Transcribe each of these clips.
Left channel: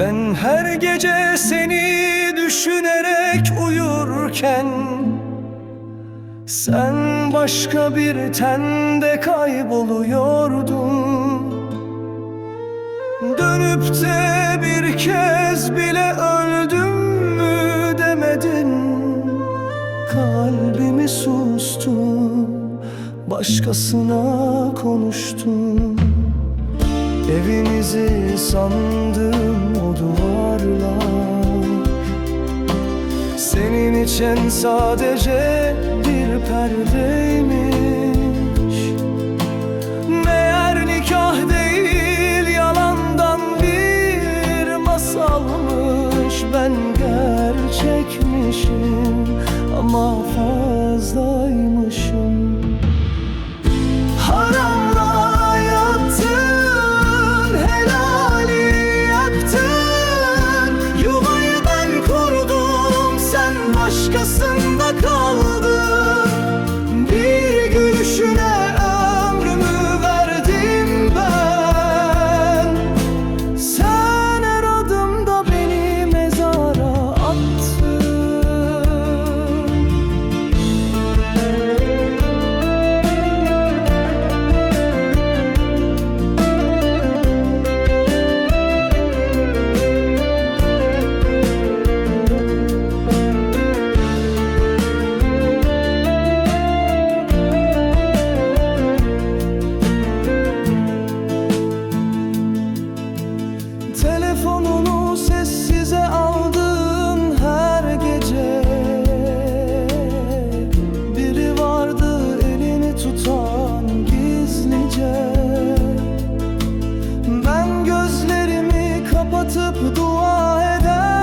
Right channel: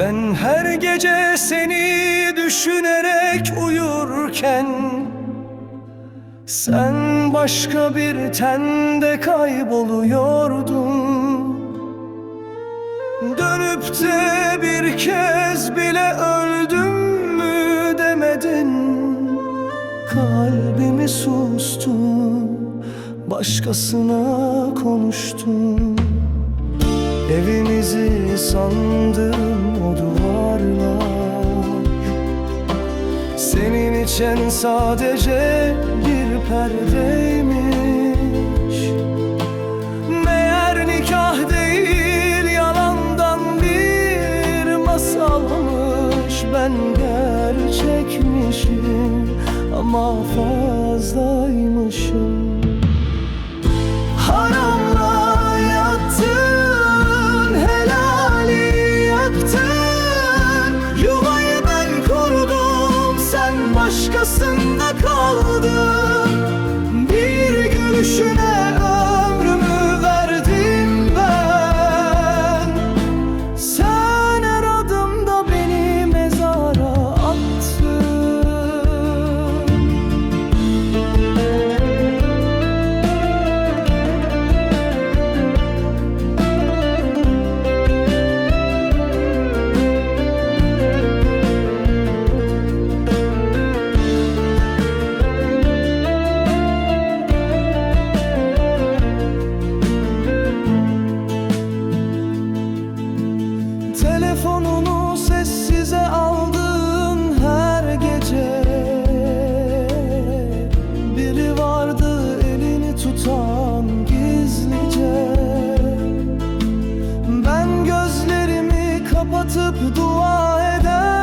Her gece seni düşünerek uyurken Sen başka bir tende kayboluyordun. Dönüp de bir kez bile öldüm mü demedin. Kalbimi sustun Başkasına konuştun Evimizi sandım o duvarlar. Senin için sadece bir perdeymiş. Meğer nikah değil yalandan bir masalmış. Ben gerçekmişim ama fazlaymışım başkasında tutan gizlice. Ben gözlerimi kapatıp dua ederken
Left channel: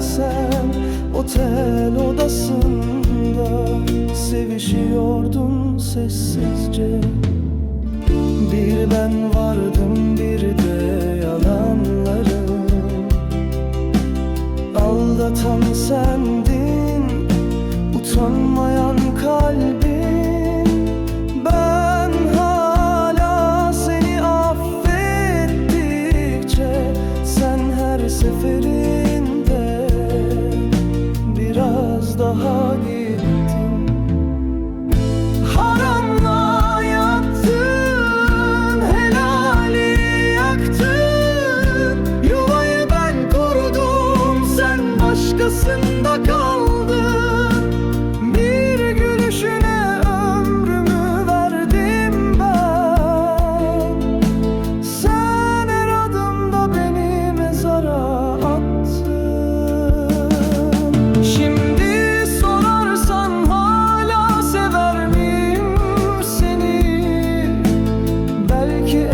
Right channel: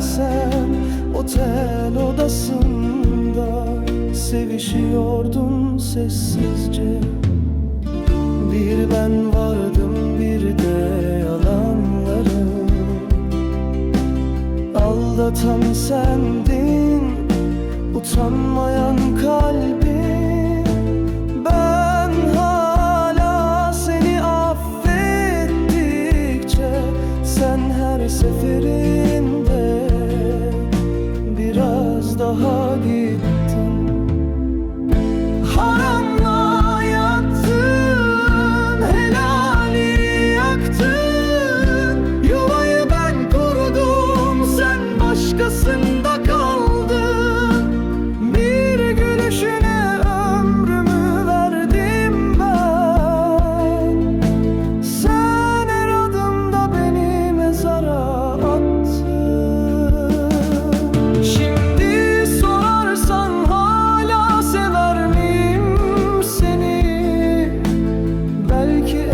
Sen otel odasında sevişiyordun sessizce. Bir ben vardım bir de yalanlarım. Aldatan sendin utanmayan kalbim Ben hala seni affettikçe Sen her seferinde biraz daha gittin. Haramla yattın, helali yaktın. Yuvayı ben kurdum, sen başkasında kaldın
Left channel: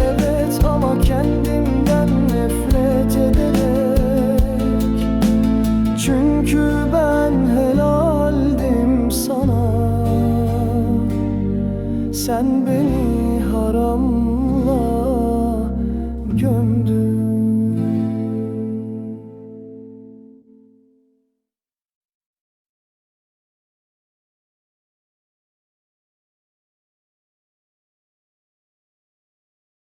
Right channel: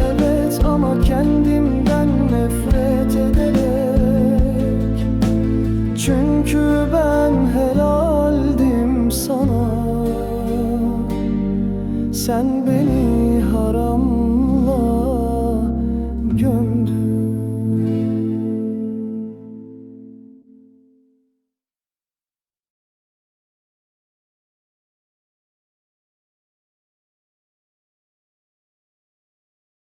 evet ama kendimden nefret ederek. Çünkü ben helaldim sana. Sen beni haramla gömdün